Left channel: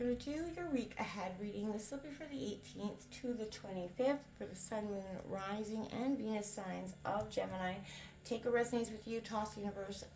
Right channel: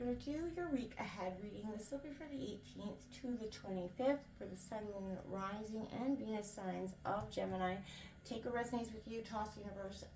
going to do your week ahead reading. This will be for the 18th to the 25th for the Sun, Moon, Rising, and Venus signs of Gemini. Take what resonates with you, toss universe.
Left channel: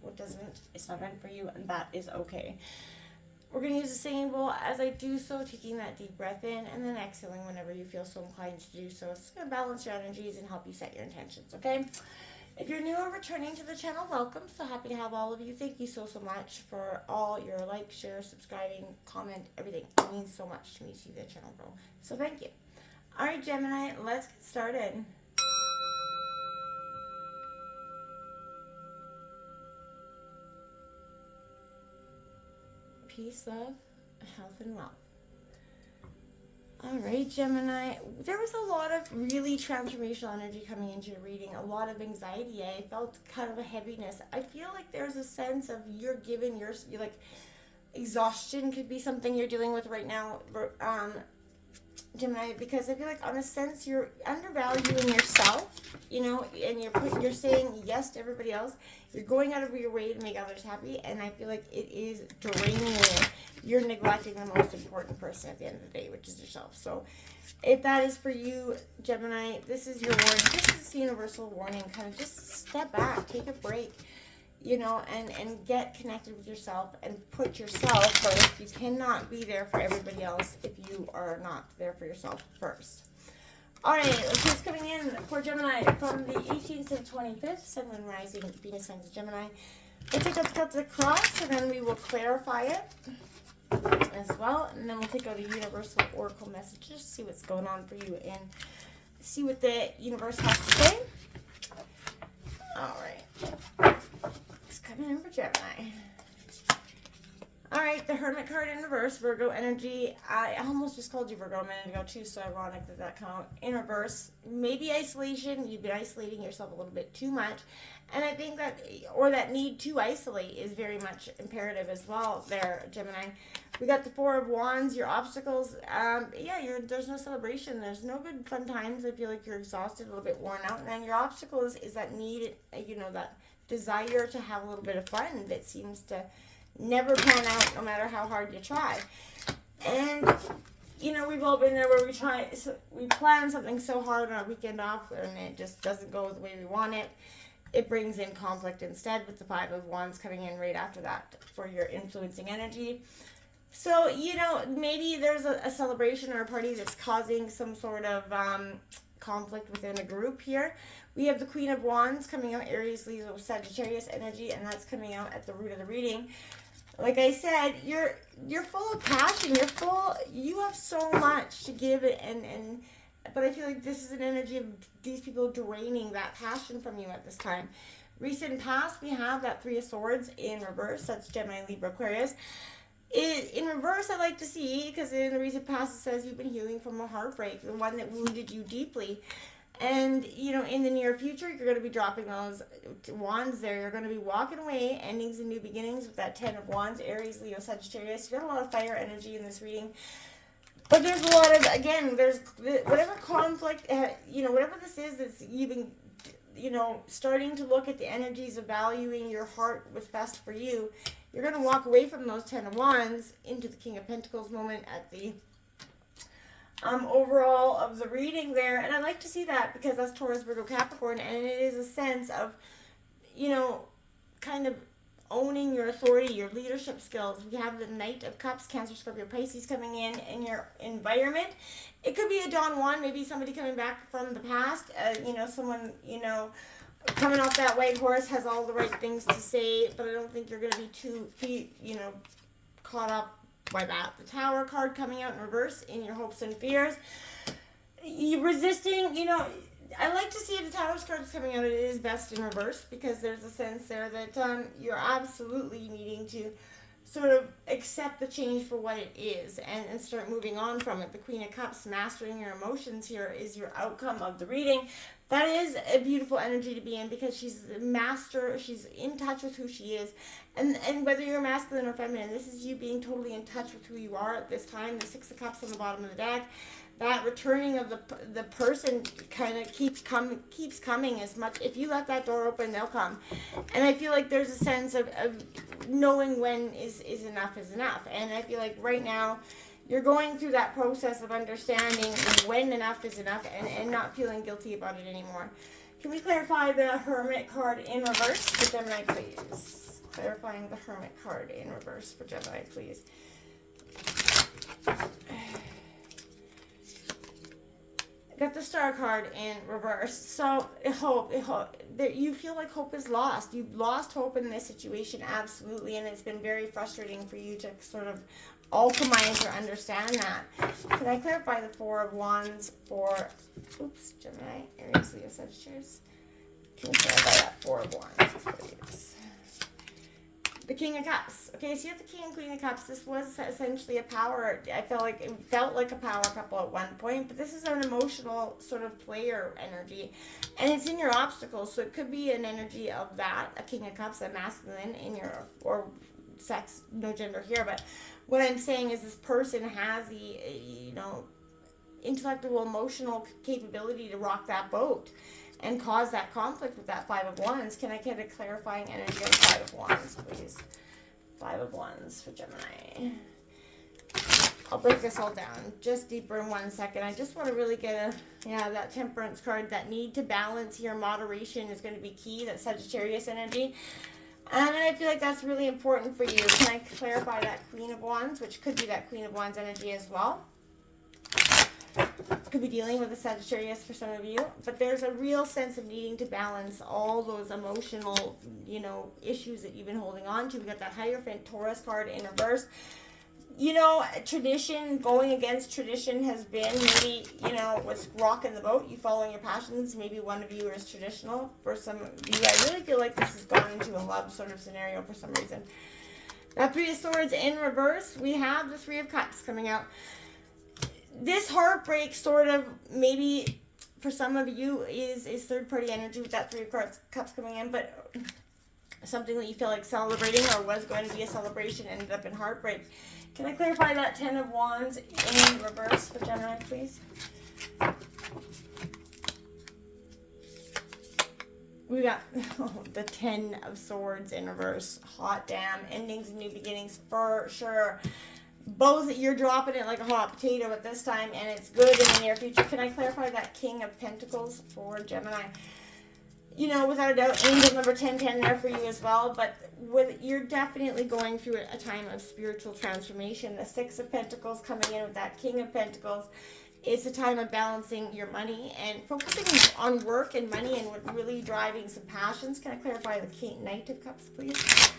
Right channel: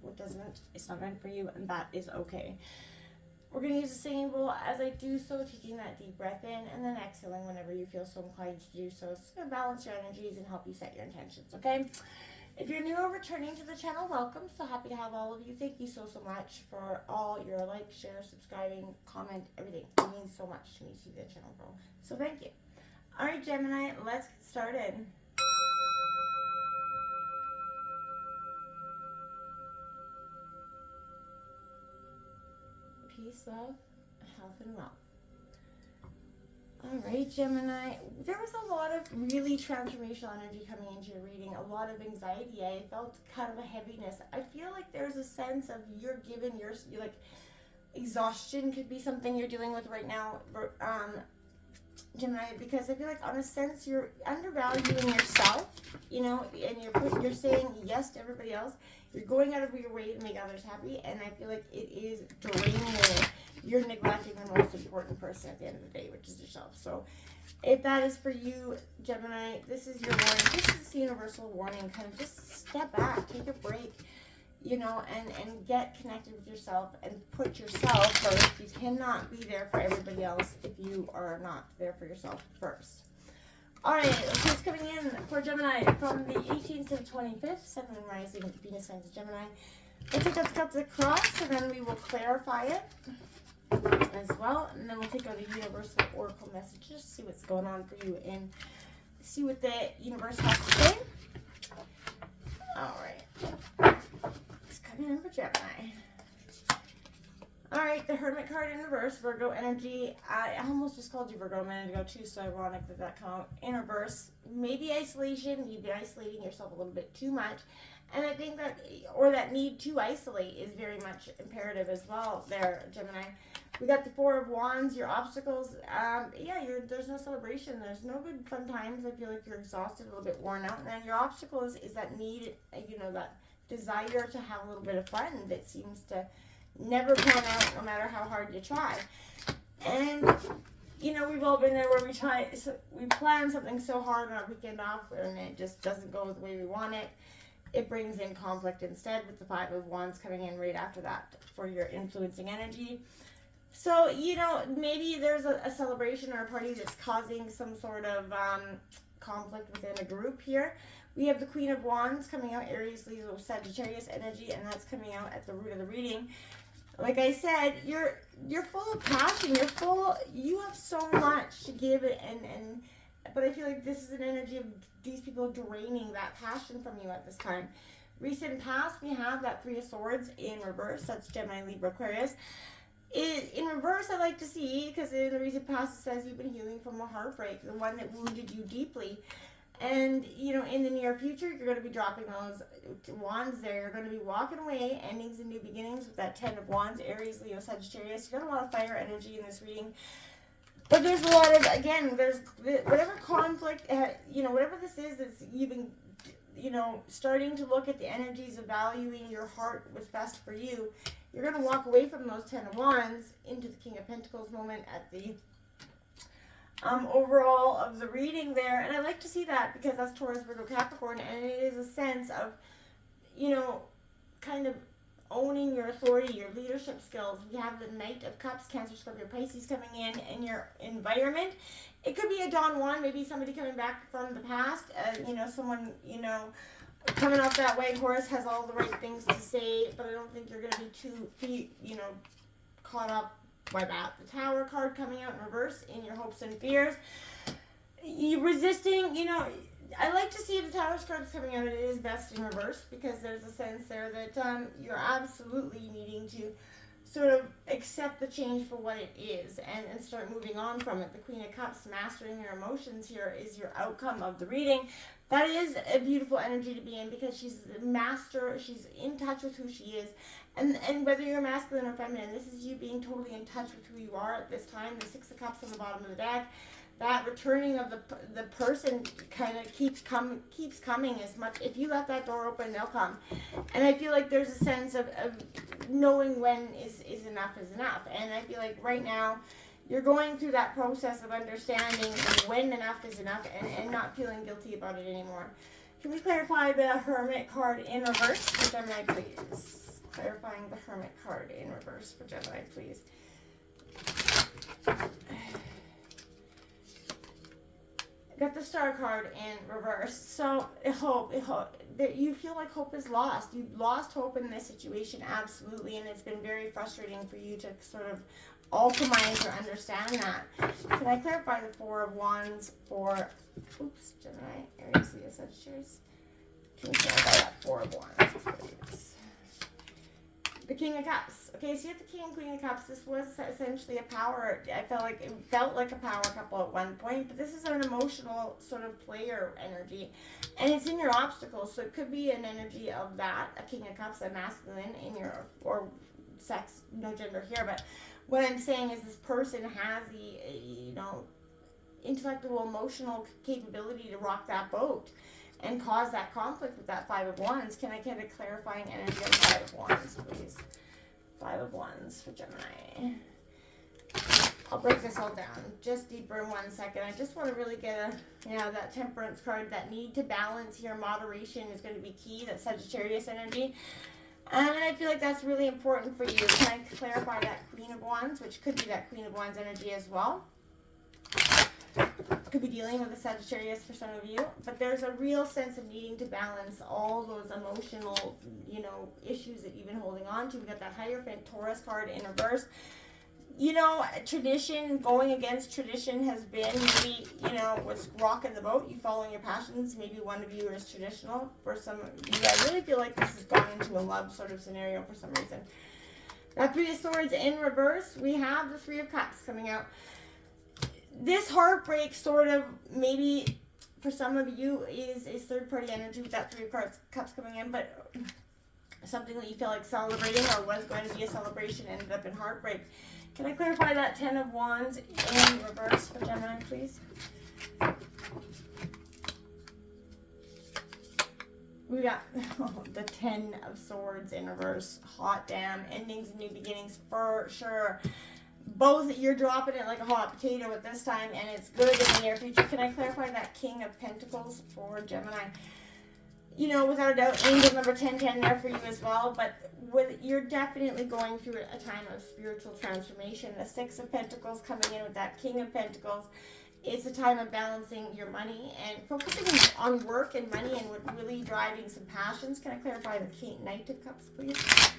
What doesn't, it's not meant for you, and that is okay. We're going to use the singing bowl as I do so, taking that deep breath in and then exhaling whenever you feel so inclined to do so. It's going to balance your energies and help you set your intentions, okay? If you're new or returning to the channel, welcome. So happy to have all of you. Thank you so much for all your like, share, subscribing, comment, everything. It means so much to me to see the channel grow. So thank you. All right, Gemini, let's get started. Peace, love, health, and wealth. All right, Gemini, there was a lot of really transformational energy coming into your reading, a lot of anxiety. I felt kind of a heaviness. I feel like there's a sense of you're like, exhaustion could be something you're dealing with right now, Gemini, because I feel like on a sense you're undervaluing yourself, you know, and you're saying yes to everybody else. You're going out of your way to make others happy, and I feel like it is draining you. You're neglecting the most important person at the end of the day, which is yourself. So if that is for you, Gemini, this is your warning. This is the universal warning. Kind of just step back, take a break, you know, and get connected with yourself and put yourself first. You cannot be there for everybody else if you are not there for yourself first. All right, what's coming in for Gemini from the 18th to the 25th, Sun, Moon, Rising, Venus signs of Gemini. We'll take out the cross, and then we will clarify it as well. And then we'll take out a universal oracle messages, see what's going on for you, and see what the universe has to say. All right, it's coming in for Gemini. All right, the Hermit card in reverse, Virgo energy. I almost just called you Virgo a minute ago too, so ironic that that come out in reverse. Maybe isolation. You've been isolating yourself a little bit too much. And I think that, or that need to isolate is very much imperative as well there, Gemini. We got the Four of Wands, your obstacles. There's no celebration. There's no good fun times. I feel like you're exhausted, a little bit worn out. And then your obstacle is that need, you know, that desire to have a little bit of fun that seems to never pan out no matter how hard you try. And you know, we've all been there where we plan something so hard on our weekend off and it just doesn't go the way we want it. It brings in conflict instead, with the Five of Wands coming in right after that for your influencing energy. So, you know, maybe there's a celebration or a party that's causing some sort of conflict within a group here. We have the Queen of Wands coming out, Aries, Leo, Sagittarius energy, and that's coming out at the root of the reading. Like I said, you're full of passion. You have so much to give, but I feel like this is an energy of these people draining that passion from you at this time. Recent past, we have that Three of Swords in reverse. That's Gemini, Libra, Aquarius. In reverse, I like to see, because in the recent past it says you've been healing from a heartbreak, the one that wounded you deeply. And, you know, in the near future, you're going to be dropping those wands there. You're going to be walking away, endings and new beginnings with that Ten of Wands, Aries, Leo, Sagittarius. You've got a lot of fire energy in this reading. But there's a lot of, again, there's whatever conflict, you know, whatever this is that's you've been, you know, starting to look at the energies of valuing your heart, what's best for you. You're going to walk away from those Ten of Wands into the King of Pentacles moment at the overall of the reading there. And I like to see that because that's Taurus, Virgo, Capricorn, and it is a sense of, you know, kind of owning your authority, your leadership skills. We have the Knight of Cups, Cancer, Scorpio, Pisces coming in your environment. It could be a Don Juan, maybe somebody coming back from the past, you know, someone, you know, coming off that white horse, has all the right things to say, but I don't think you're going to be too, you know, caught up by that. The Tower card coming out in reverse in your hopes and fears. You resisting, you know, I like to see the Tower's cards coming out. It is best in reverse because there's a sense there that you're absolutely needing to sort of accept the change for what it is and start moving on from it. The Queen of Cups, mastering your emotions here, is your outcome of the reading. That is a beautiful energy to be in because she's the master. She's in touch with who she is. And whether you're masculine or feminine, this is you being totally in touch with who you are at this time. The Six of Cups on the bottom of the deck. that returning of the person kind of keeps coming as much. If you let that door open, they'll come. And I feel like there's a sense of knowing when is enough is enough. And I feel like right now you're going through that process of understanding when enough is enough and not feeling guilty about it anymore. Can we clarify the Hermit card in reverse for Gemini, please? Clarifying the Hermit card in reverse for Gemini, please. Got the Star card in reverse. So hope that you feel like hope is lost. You've lost hope in this situation, absolutely, and it's been very frustrating for you to sort of alchemize or understand that. Can I clarify the Four of Wands for Gemini, Aries, Leo, Sagittarius? Can you clarify that Four of Wands, please? The King of Cups. Okay, so you have the King and Queen of Cups. This was essentially a power. I felt like it felt like a power couple at one point, but this is an emotional sort of player energy, and it's in your obstacles. So it could be an energy of that, a King of Cups, a masculine in your or sex, no gender here. But what I'm saying is this person has the intellectual, emotional capability to rock that boat and cause that conflict with that Five of Wands. Can I get a clarifying energy of Five of Wands, please? Five of Wands for Gemini. I'll break this all down just deeper in 1 second. I just want to really get that Temperance card. That need to balance here, moderation is going to be key. That Sagittarius energy. And I feel like that's really important for you. Can I clarify that Queen of Wands, which could be that Queen of Wands energy as well? Could be dealing with a Sagittarius for some of you, but there's a real sense of needing to balance all those emotional, issues that you've been holding on to. We got that Hierophant Taurus card in reverse. Tradition, going against tradition has been maybe, what's rocking the boat. You following your passions. Maybe one of you is traditional. For some of you, I really feel like this has gone into a love sort of scenario for some reason. That Three of Swords in reverse. We have the Three of Cups coming out. This heartbreak sort of maybe for some of you is third-party energy with that Three of Cups coming in, but something that you feel like celebrating or was going to be a celebration ended up in heartbreak. Can I clarify that Ten of Wands in reverse for Gemini, please? We got the Ten of Swords in reverse. Hot damn. Endings and new beginnings for sure. Both, you're dropping it like a hot potato at this time, and it's good in the near future. Can I clarify that King of Pentacles for Gemini? Without a doubt, angel number 1010 there for you as well, but you're definitely going through a time of spiritual transformation. The Six of Pentacles coming in with that King of Pentacles. It's a time of balancing your money and focusing on work and money and really driving some passions. Can I clarify the Knight of Cups, please?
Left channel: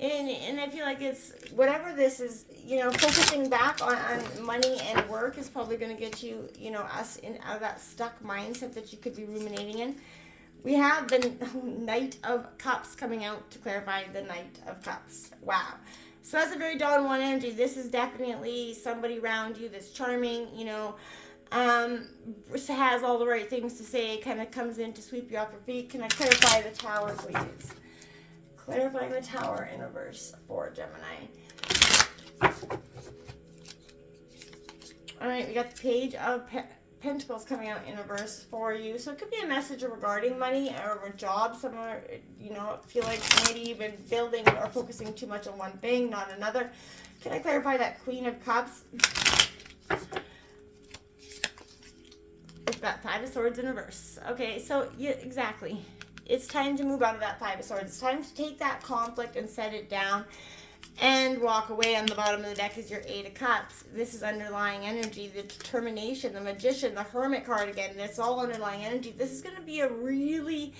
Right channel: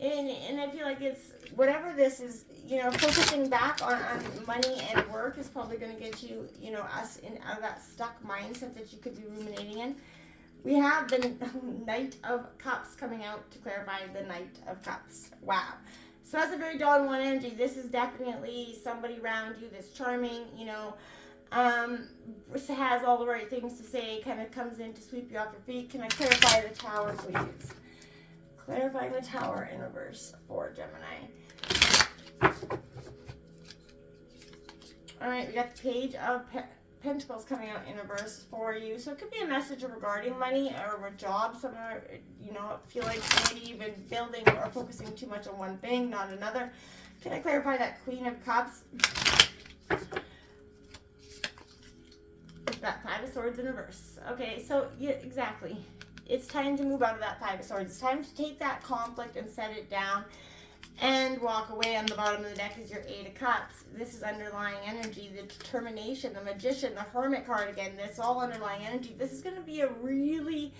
And I feel like it's, whatever this is, focusing back on money and work is probably going to get you, us out of that stuck mindset that you could be ruminating in. We have the Knight of Cups coming out to clarify the Knight of Cups. Wow. So that's a very Dawn 1 energy. This is definitely somebody around you that's charming, has all the right things to say, kind of comes in to sweep you off your feet. Can I clarify the Tower, please? Clarifying the Tower in reverse for Gemini. Alright, we got the Page of Pentacles coming out in reverse for you. So it could be a message regarding money or a job somewhere. Feel like maybe you've been building or focusing too much on one thing, not another. Can I clarify that Queen of Cups? We've got Five of Swords in reverse. Okay, so yeah, exactly. It's time to move out of that Five of Swords. It's time to take that conflict and set it down and walk away. On the bottom of the deck is your Eight of Cups. This is underlying energy, the determination, the Magician, the Hermit card again. It's all underlying energy. This is going to be a really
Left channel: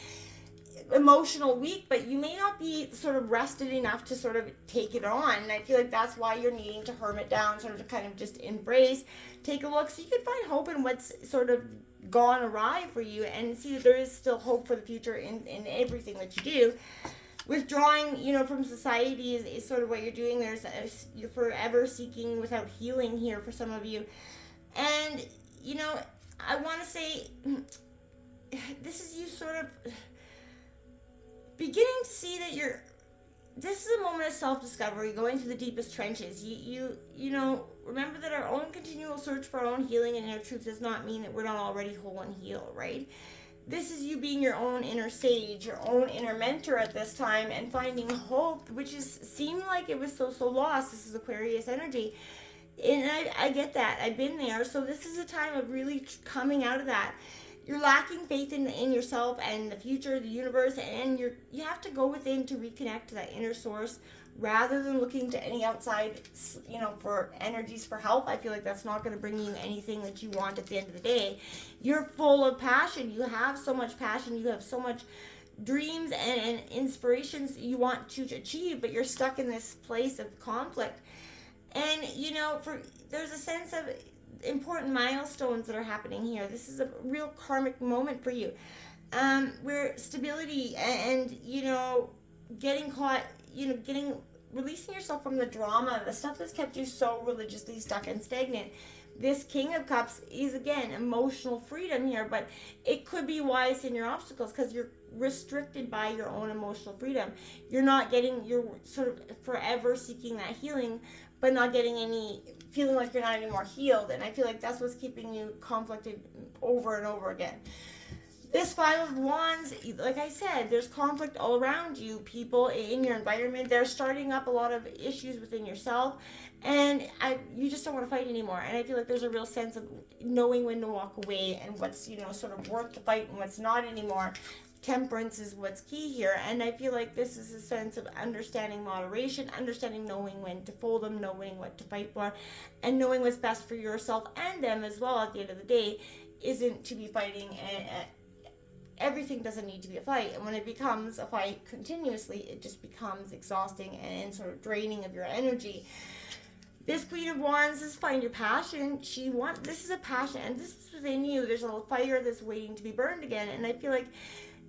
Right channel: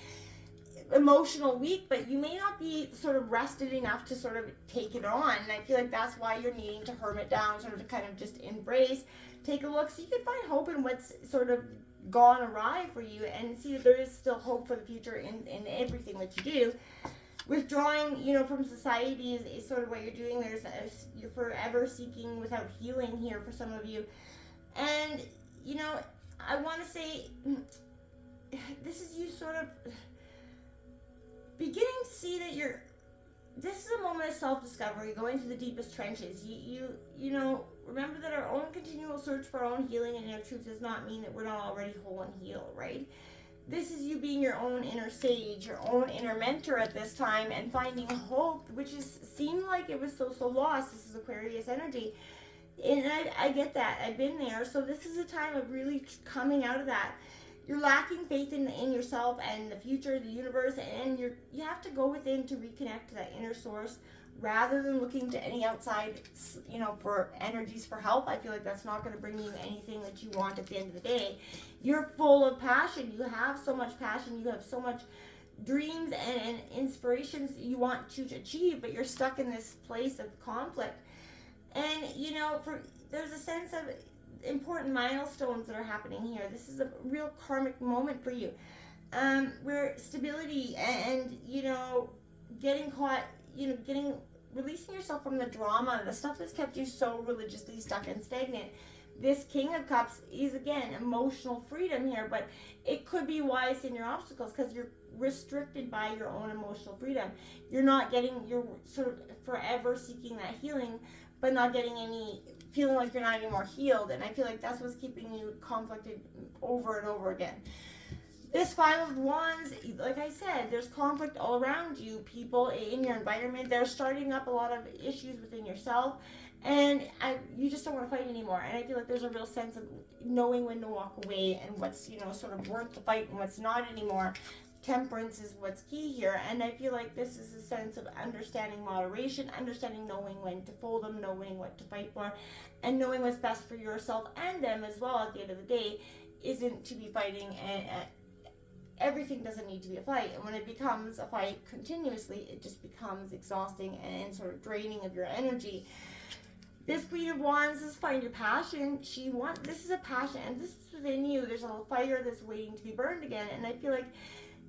emotional week, but you may not be sort of rested enough to sort of take it on. And I feel like that's why you're needing to hermit down, sort of to kind of just embrace, take a look, so you can find hope in what's sort of gone awry for you and see that there is still hope for the future in everything that you do. Withdrawing, from society is sort of what you're doing. You're forever seeking without healing here for some of you. And, I want to say, this is you sort of beginning to see that this is a moment of self-discovery, going to the deepest trenches. You know, remember that our own continual search for our own healing and inner truth does not mean that we're not already whole and healed, right? This is you being your own inner sage, your own inner mentor at this time, and finding hope, which is seemed like it was so lost. This is Aquarius energy, and I get that. I've been there. So this is a time of really coming out of that. You're lacking faith in yourself and the future, the universe, and you have to go within to reconnect to that inner source rather than looking to any outside, you know, for energies for help. I feel like that's not going to bring you anything that you want at the end of the day. You're full of passion. You have so much passion. You have so much dreams and inspirations you want to achieve, but you're stuck in this place of conflict. And, you know, there's a sense of important milestones that are happening here. This is a real karmic moment for you, where stability and you know, getting caught, you know, releasing yourself from the drama, the stuff that's kept you so religiously stuck and stagnant. This King of Cups is, again, emotional freedom here, but it could be why it's in your obstacles, because you're restricted by your own emotional freedom. You're sort of forever seeking that healing, but not getting any, feeling like you're not anymore healed. And I feel like that's what's keeping you conflicted over and over again. This Five of Wands, like I said, there's conflict all around you. People in your environment, they're starting up a lot of issues within yourself, and you just don't want to fight anymore. And I feel like there's a real sense of knowing when to walk away and what's, you know, sort of worth the fight and what's not anymore. Temperance is what's key here, and I feel like this is a sense of understanding moderation, understanding knowing when to fold them, knowing what to fight for, and knowing what's best for yourself and them as well. At the end of the day, isn't to be fighting, and everything doesn't need to be a fight. And when it becomes a fight continuously, it just becomes exhausting and sort of draining of your energy. This Queen of Wands is find your passion. This is a passion, and this is within you. There's a fire that's waiting to be burned again, and I feel like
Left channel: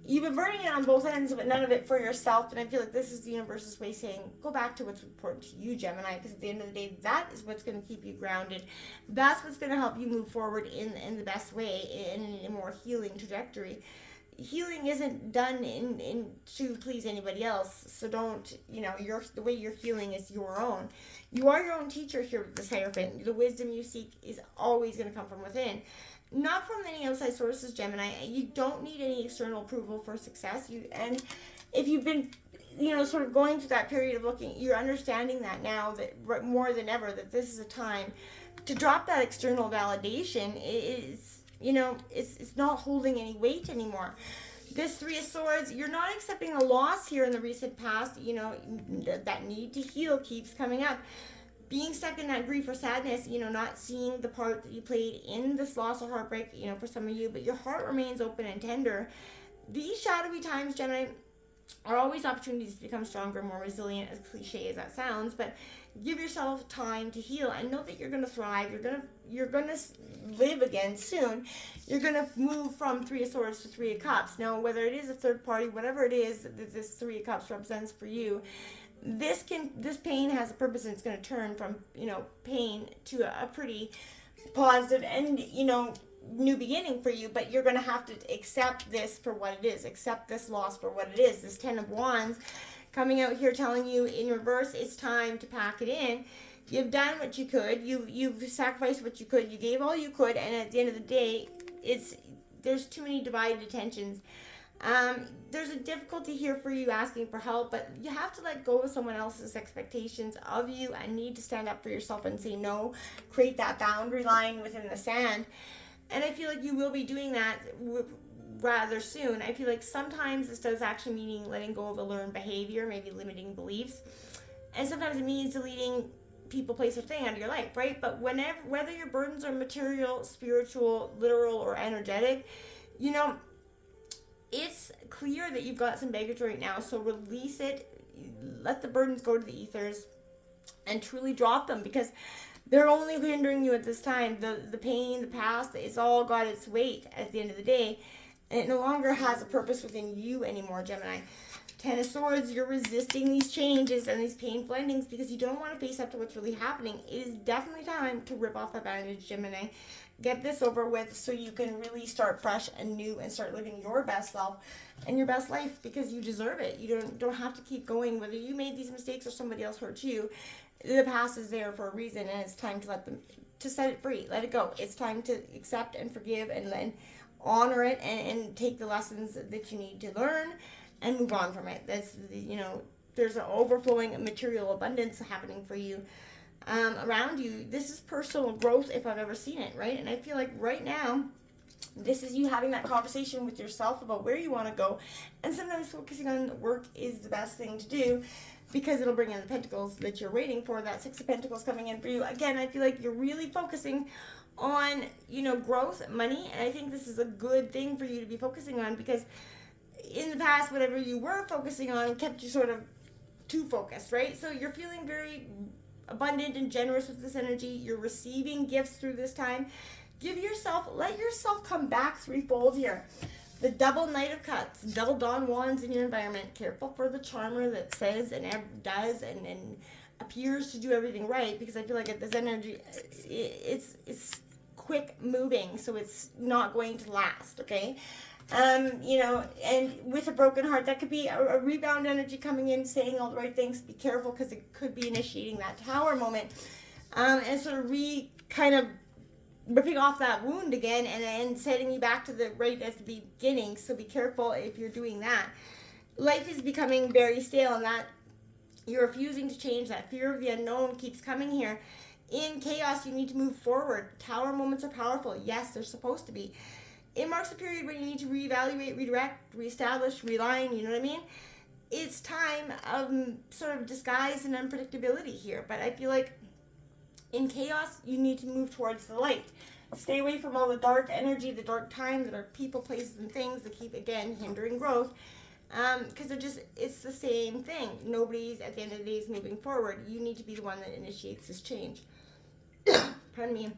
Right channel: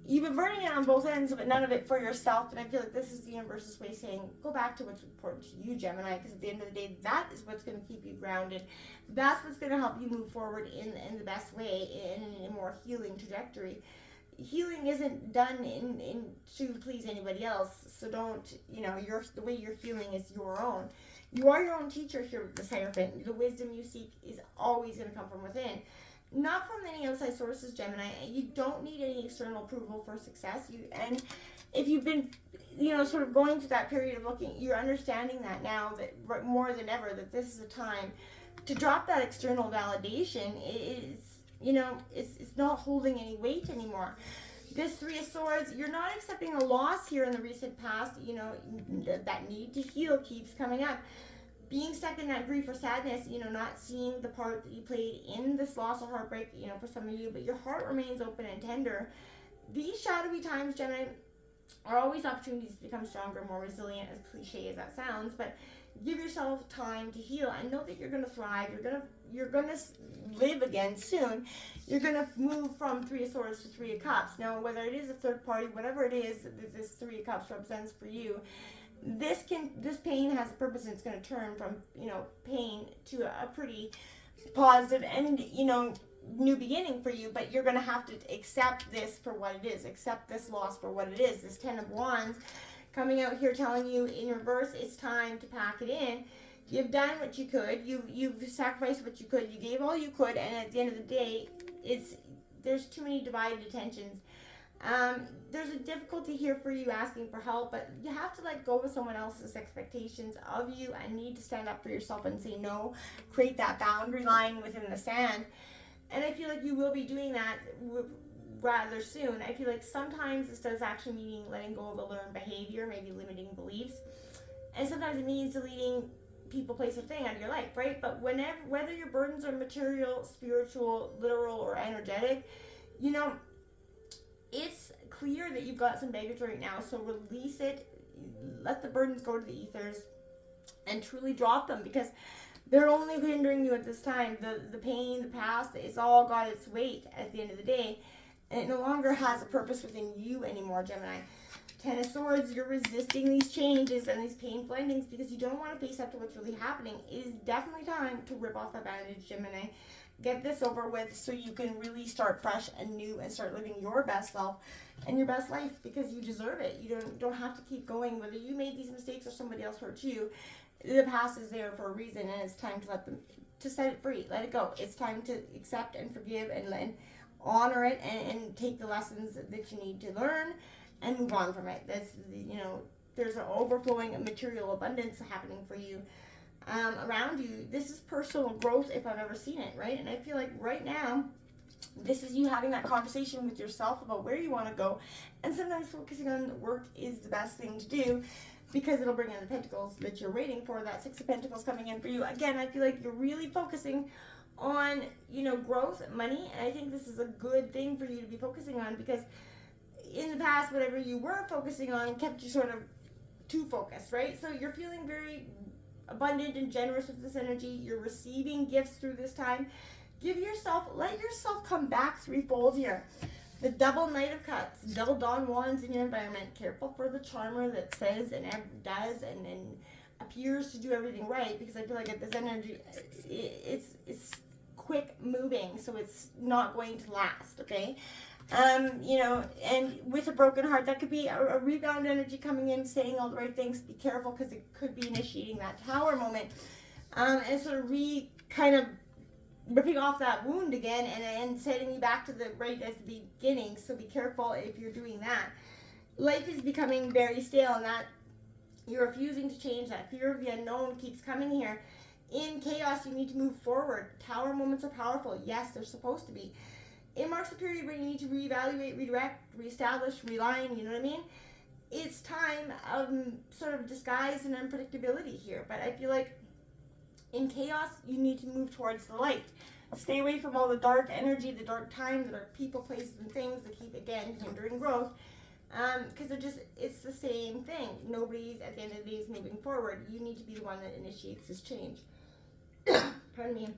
you've been burning it on both ends, but none of it for yourself. And I feel like this is the universe's way saying, go back to what's important to you, Gemini, because at the end of the day, that is what's going to keep you grounded. That's what's going to help you move forward in the best way, in a more healing trajectory. Healing isn't done in to please anybody else. So don't, you know, the way you're healing is your own. You are your own teacher here with this Hierophant. The wisdom you seek is always going to come from within. Not from any outside sources, Gemini. You don't need any external approval for success. And if you've been, you know, sort of going through that period of looking, you're understanding that now, that more than ever, that this is a time to drop that external validation. You know, it's not holding any weight anymore. This Three of Swords, you're not accepting a loss here in the recent past. You know, that need to heal keeps coming up. Being stuck in that grief or sadness, you know, not seeing the part that you played in this loss or heartbreak, you know, for some of you, but your heart remains open and tender. These shadowy times, Gemini, are always opportunities to become stronger, more resilient, as cliche as that sounds, but give yourself time to heal and know that you're going to thrive. You're going to live again soon. You're going to move from Three of Swords to Three of Cups. Now, whether it is a third party, whatever it is that this Three of Cups represents for you, this pain has a purpose, and it's going to turn from, you know, pain to a pretty positive and, you know, new beginning for you. But you're going to have to accept this for what it is. Accept this loss for what it is. This Ten of Wands coming out here telling you in reverse, it's time to pack it in. You've done what you could. You've sacrificed what you could. You gave all you could, and at the end of the day, there's too many divided attentions. There's a difficulty here for you asking for help, but you have to let go of someone else's expectations of you and need to stand up for yourself and say no, create that boundary line within the sand. And I feel like you will be doing that rather soon. I feel like sometimes this does actually mean letting go of a learned behavior, maybe limiting beliefs. And sometimes it means deleting people, place, or thing out of your life, right? But whether your burdens are material, spiritual, literal, or energetic, you know, it's clear that you've got some baggage right now, so release it. Let the burdens go to the ethers and truly drop them, because they're only hindering you at this time. The pain, the past, it's all got its weight at the end of the day, and it no longer has a purpose within you anymore, Gemini. Ten of Swords, you're resisting these changes and these painful endings because you don't want to face up to what's really happening. It is definitely time to rip off the bandage, Gemini. Get this over with so you can really start fresh and new and start living your best self and your best life because you deserve it. You don't have to keep going. Whether you made these mistakes or somebody else hurt you, the past is there for a reason, and it's time to set it free. Let it go. It's time to accept and forgive and honor it and take the lessons that you need to learn and move on from it. There's an overflowing material abundance happening for you around you. This is personal growth if I've ever seen it, right? And I feel like right now, this is you having that conversation with yourself about where you want to go. And sometimes focusing on work is the best thing to do because it'll bring in the pentacles that you're waiting for. That Six of Pentacles coming in for you. Again, I feel like you're really focusing on, growth, money. And I think this is a good thing for you to be focusing on because in the past, whatever you were focusing on kept you sort of too focused, right? So you're feeling very abundant and generous with this energy. You're receiving gifts through this time. Let yourself come back threefold here. The double Knight of Cups, double Don Juans in your environment. Careful for the charmer that says and does and appears to do everything right, because I feel like this energy, it's quick moving, so it's not going to last, okay? And with a broken heart, that could be a rebound energy coming in, saying all the right things. Be careful because it could be initiating that Tower moment, and sort of kind of ripping off that wound again and setting you back to the right at the beginning. So be careful if you're doing that. Life is becoming very stale, and that you're refusing to change. That fear of the unknown keeps coming here. In chaos, you need to move forward. Tower moments are powerful. Yes, they're supposed to be. It marks a period where you need to reevaluate, redirect, reestablish, realign, you know what I mean? It's time of sort of disguise and unpredictability here, but I feel like in chaos, you need to move towards the light. Stay away from all the dark energy, the dark time, the dark people, places, and things that keep, again, hindering growth, because it's the same thing. Nobody's, at the end of the day, is moving forward. You need to be the one that initiates this change. Pardon me.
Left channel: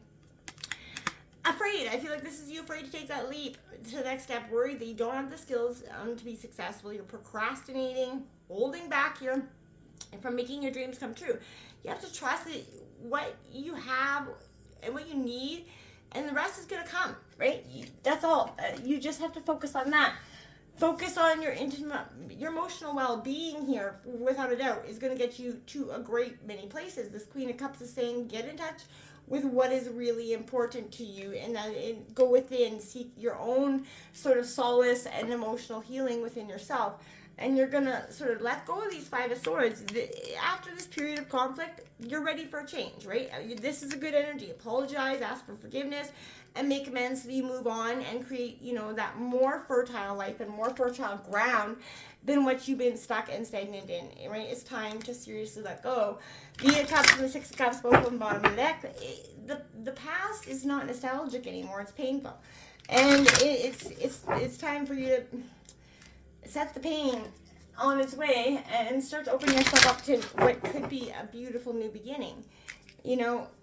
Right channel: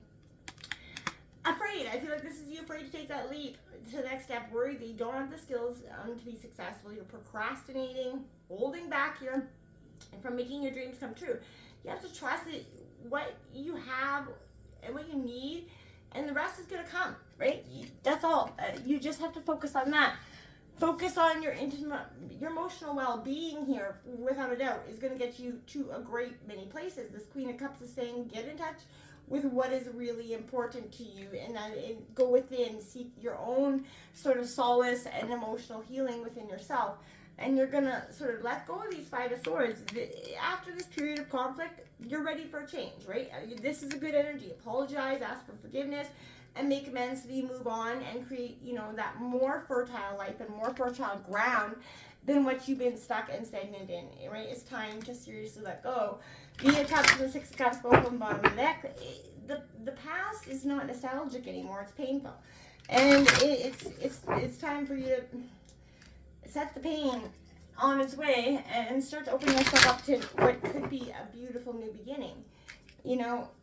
Afraid. I feel like this is you afraid to take that leap to the next step. Worried that you don't have the skills to be successful. You're procrastinating, holding back here from making your dreams come true. You have to trust that what you have and what you need, and the rest is going to come, right? That's all. You just have to focus on that. Focus on your emotional well-being here, without a doubt, is going to get you to a great many places. This Queen of Cups is saying, get in touch with what is really important to you, and go within, seek your own sort of solace and emotional healing within yourself. And you're going to sort of let go of these Five of Swords. After this period of conflict, you're ready for a change, right? This is a good energy. Apologize, ask for forgiveness, and make amends so that you move on and create, that more fertile life and more fertile ground than what you've been stuck and stagnant in, right? It's time to seriously let go. The Cups and the Six of Cups, both on the bottom of the deck. The past is not nostalgic anymore. It's painful. And it's time for you to set the pain on its way and start to open yourself up to what could be a beautiful new beginning.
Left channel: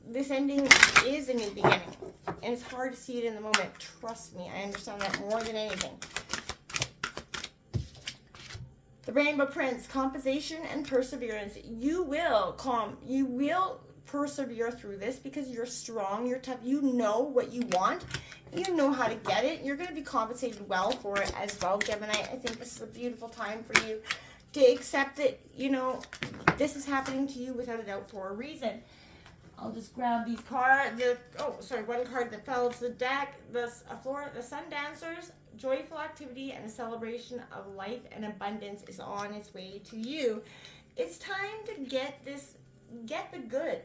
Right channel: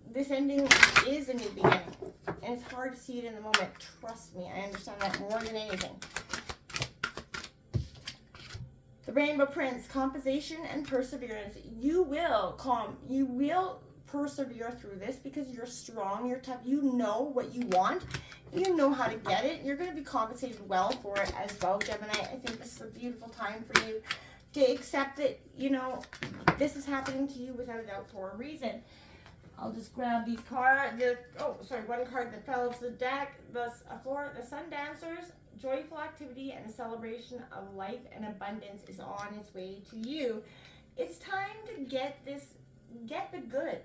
This ending is a new beginning, and it's hard to see it in the moment. Trust me, I understand that more than anything. The Rainbow Prince, compensation and perseverance. You will persevere through this because you're strong, you're tough, you know what you want, you know how to get it. You're going to be compensated well for it as well, Gemini. I think this is a beautiful time for you to accept that, this is happening to you without a doubt for a reason. I'll just grab these cards. One card that fell to the deck. The Sun Dancers, joyful activity and a celebration of life and abundance is on its way to you. It's time to get the good.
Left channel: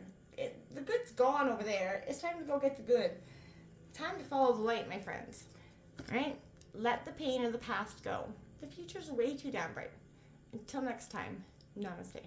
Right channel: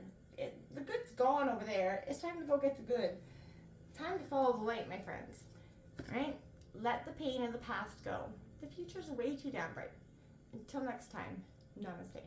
The good's gone over there. It's time to go get the good. Time to follow the light, my friends. Right? Let the pain of the past go. The future's way too damn bright. Until next time, namaste.